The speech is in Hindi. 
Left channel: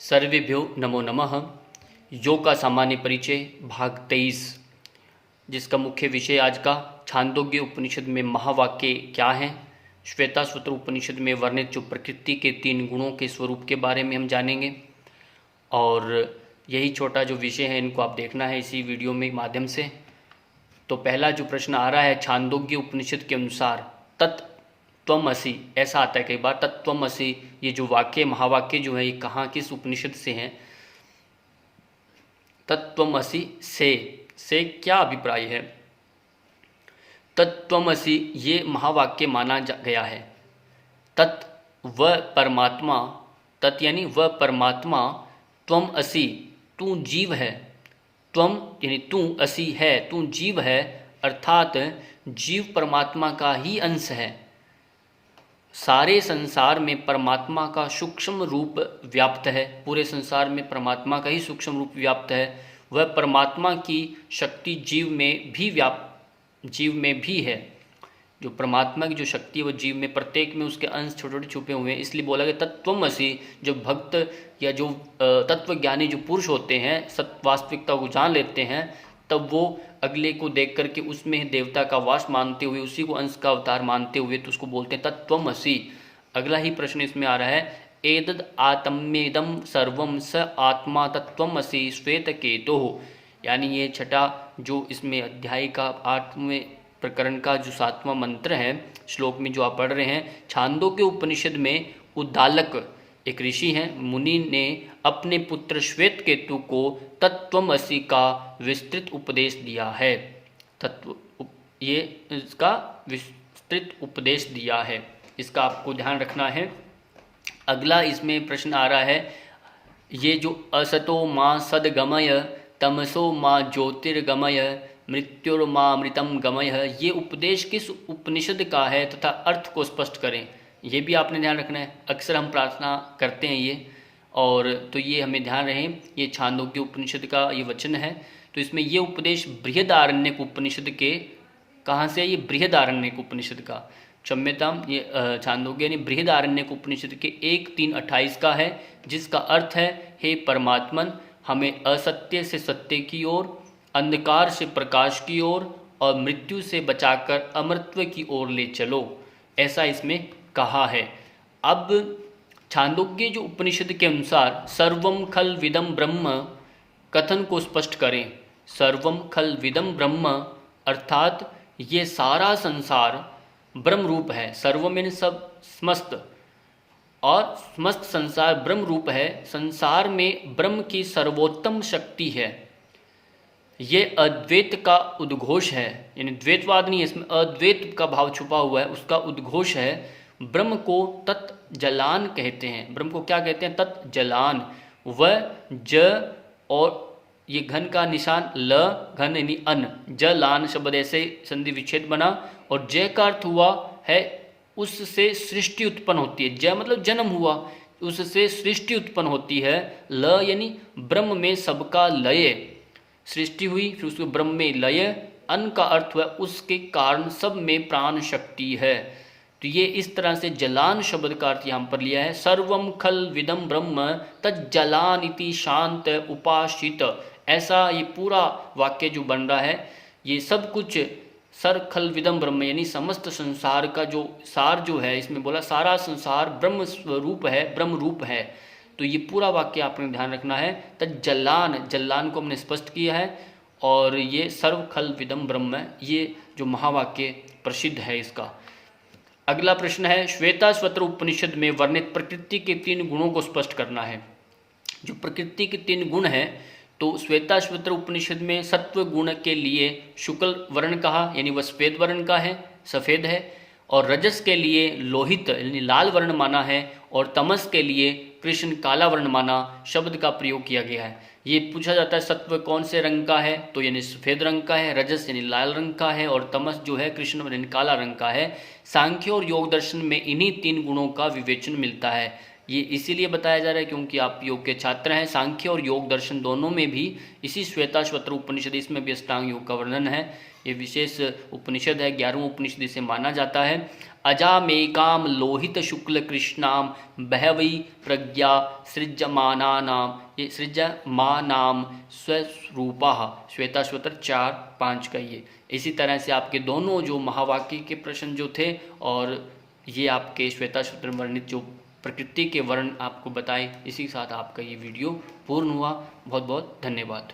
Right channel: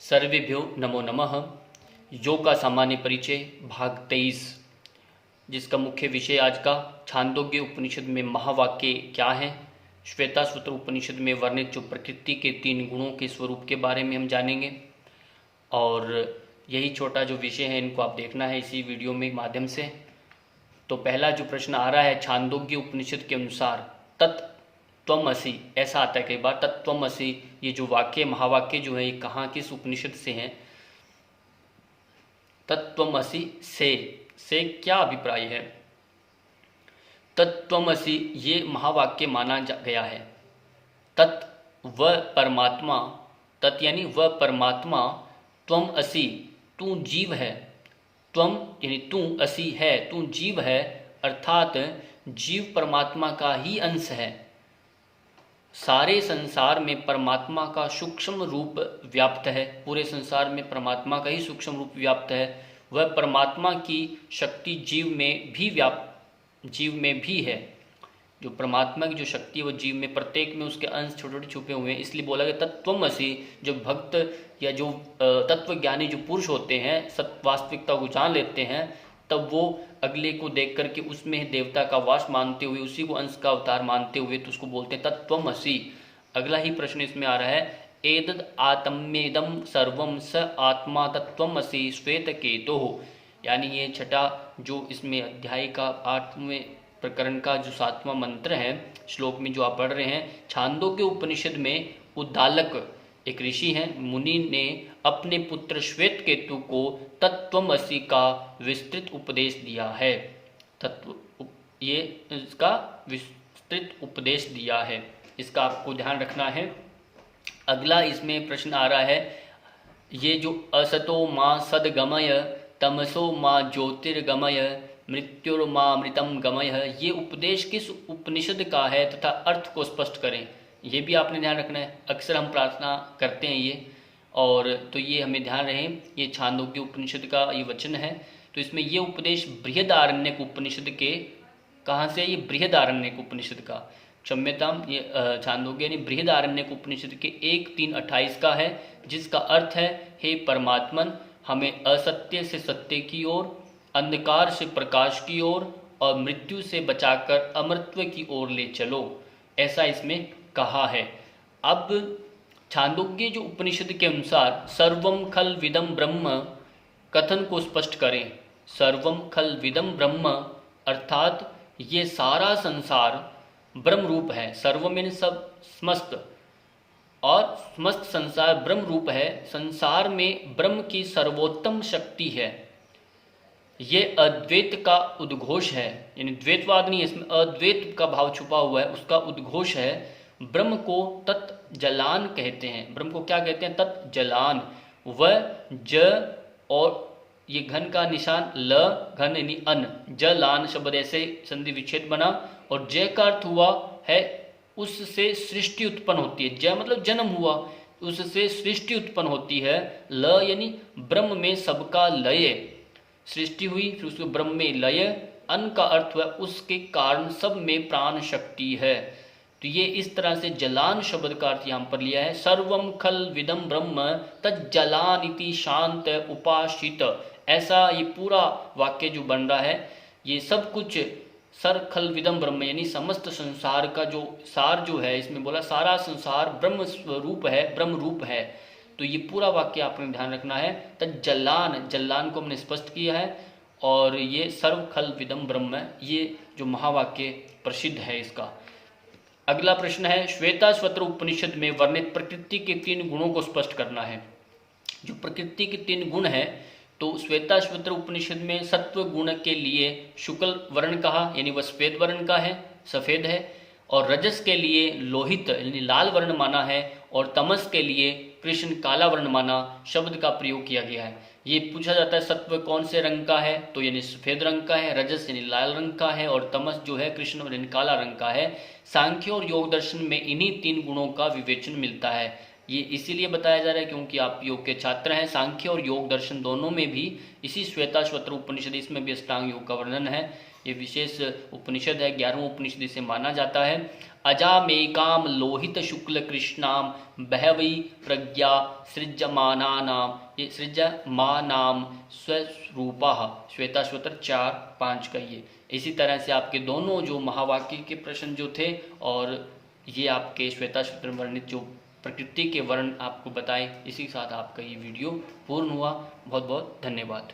सर्वेभ्यो नमो नमः। योग का सामान्य परिचय भाग 23, जिसका मुख्य विषय आज का छांदोग्य उपनिषद में महावाक्य क्या हैं, श्वेताश्वतर उपनिषद में वर्णित जो प्रकृति के 3 गुणों के स्वरूप के बारे में हम जानेंगे। और यही छोटा जो विषय है इनको आप देखना है इसी वीडियो में माध्यम से। तो पहला जो प्रश्न आ रहा है, छांदोग्य उपनिषद के अनुसार तत्त्वमसि, ऐसा आता है कई बार, तत्त्वमसि ये जो वाक्य महावाक्य जो है ये कहाँ किस उपनिषद से हैं। तत्त्वमसि से क्या अभिप्राय है। तत्त्वमसि ये महावाक्य माना गया है। तत् व परमात्मा, तत् यानी वह परमात्मा, त्वम असि तू जीव है, त्वम यानी तू असि है तू जीव है, अर्थात जीव परमात्मा का ही अंश है। सारे संसार में परमात्मा का सूक्ष्म रूप व्याप्त है, पूरे संसार में परमात्मा का ही सूक्ष्म रूप व्याप्त है। वह परमात्मा की शक्ति जीव में भी है। जो परमात्मा की जो शक्ति है वो जीव में, प्रत्येक में उसके अंश छोटे छोटे छुपे हुए हैं। इसलिए बोला गया तत्त्वमसि। जो भक्त या जो तत्वज्ञानी जो पुरुष होते हैं, सत्य वास्तविकता को जान लेते हैं, तब वो अगले को देख करके उसमें देवता का वास मानते हुए, उसी को अंश का अवतार मानते हुए, तो उसको बोलते हैं तत्त्वमसि। अगला ही प्रश्न इसमें आ रहा है, एतद् आत्मेदं सर्वं स आत्मा तत्त्वमसि श्वेतकेतुः। यानी ये छठा जो इसमें अध्याय का 8वें प्रकरण का जो 7वां मंत्र है, श्लोक में जो आप पढ़ रहे हैं, छांदोग्य उपनिषद में उद्दालक एक ऋषि हैं, मुनि ने अपने पुत्र श्वेतकेतु को तत्त्वमसि का विस्तृत उपदेश दिया है। ये इसका विस्तृत उपदेश दिया है, इसका आपको ध्यान रखना है। अगला इसमें प्रश्न आ रहा है, ये जो असतो माँ सद्गमय तमसो माँ ज्योतिर्गमय मृत्युर्मामृतम गमय, ये उपदेश किस उपनिषद का है तथा अर्थ को स्पष्ट करें। ये भी आपने ध्यान रखना है। अक्सर हम प्रार्थना करते हैं ये, और तो ये हमें ध्यान रहे, ये छांदोग्य उपनिषद का ये वचन है। तो इसमें ये उपदेश बृहदारण्यक उपनिषद के, कहाँ से, ये बृहदारण्यक उपनिषद का, क्षम्यताम, ये छांदोग्य यानी बृहदारण्यक उपनिषद के 1:3:28 का है, जिसका अर्थ है, हे परमात्मन, हमें असत्य से सत्य की ओर, अंधकार से प्रकाश की ओर और मृत्यु से बचाकर अमरत्व की ओर ले चलो, ऐसा इसमें कहा है। अब छांदोग्य जो उपनिषद के अनुसार सर्वम खल विदम ब्रह्म कथन को स्पष्ट करें। सर्वम खल विदम ब्रह्म अर्थात ये सारा संसार ब्रह्म रूप है। सर्वम यानी सब, समस्त, और समस्त संसार ब्रह्म रूप है। संसार में ब्रह्म की सर्वोत्तम शक्ति है। ये अद्वैत का उद्घोष है, यानी द्वैतवाद नहीं है इसमें, अद्वैत का भाव छुपा हुआ है, उसका उद्घोष है। ब्रह्म को तत् जलान कहते हैं। ब्रह्म को क्या कहते हैं? तत् जलान। वह ज और ये घन का निशान ल, घन यानी अन, जलान शब्द ऐसे संधि विच्छेद बना, और जय का अर्थ हुआ है उससे सृष्टि उत्पन्न होती है। जय मतलब जन्म हुआ, उससे सृष्टि उत्पन्न होती है। ल यानी ब्रह्म में सबका लय, सृष्टि हुई, फिर उसके ब्रह्म में लय। अन का अर्थ हुआ उसके कारण सब में प्राण शक्ति है। तो ये इस तरह से जलान शब्द का अर्थ यहाँ पर लिया है। सर्वम खल विदम ब्रह्म तज्जलान इति शांत उपासित, ऐसा ये पूरा वाक्य जो बन रहा है, ये सब कुछ सर खल विदम ब्रह्म यानी समस्त संसार का जो सार जो है, इसमें बोला सारा संसार ब्रह्म स्वरूप है, ब्रह्म रूप है। तो ये पूरा वाक्य आपने ध्यान रखना है। तज्जलान, जलान को हमने स्पष्ट किया है, और ये सर्व खल विदम ब्रह्म, ये जो महावाक्य प्रसिद्ध है इसका। अगला प्रश्न है, श्वेताश्वतर उपनिषद में वर्णित प्रकृति के 3 गुणों को स्पष्ट करना है। जो प्रकृति के 3 गुण है, तो श्वेताश्वतर उपनिषद में सत्व गुण के लिए शुक्ल वर्ण कहा, यानी वह श्वेत वर्ण का है, सफ़ेद है, और रजस के लिए लोहित यानी लाल वर्ण माना है, और तमस के लिए कृष्ण काला वर्ण माना शब्द का प्रयोग किया गया है। ये पूछा जाता है सत्व कौन से रंग का है, तो यानी सफ़ेद रंग का है, रजस यानी लाल रंग का है, और तमस जो है कृष्ण यानी काला रंग का है। सांख्य और योग दर्शन में इन्हीं 3 गुणों का विवेचन मिलता है। ये इसीलिए बताया जा रहा है क्योंकि आप योग के छात्र हैं। सांख्य और योग दर्शन दोनों में भी इसी श्वेताश्वतर उपनिषद, इसमें भी अष्टांग योग का वर्णन है। ये विशेष उपनिषद है, 11वां उपनिषद इसे माना जाता है। अजामेकाम लोहित शुक्ल कृष्णाम बहवई प्रज्ञा सृज्यमानानाम, ये सृज्यमानाम स्वरूपा, श्वेताश्वतर 4-5 का ये। इसी तरह से आपके दोनों जो महावाक्य के प्रश्न जो थे और ये आपके श्वेताश्वतर वर्णित जो प्रकृति के वर्ण आपको बताए, इसी के साथ आपका ये वीडियो पूर्ण हुआ। बहुत बहुत धन्यवाद।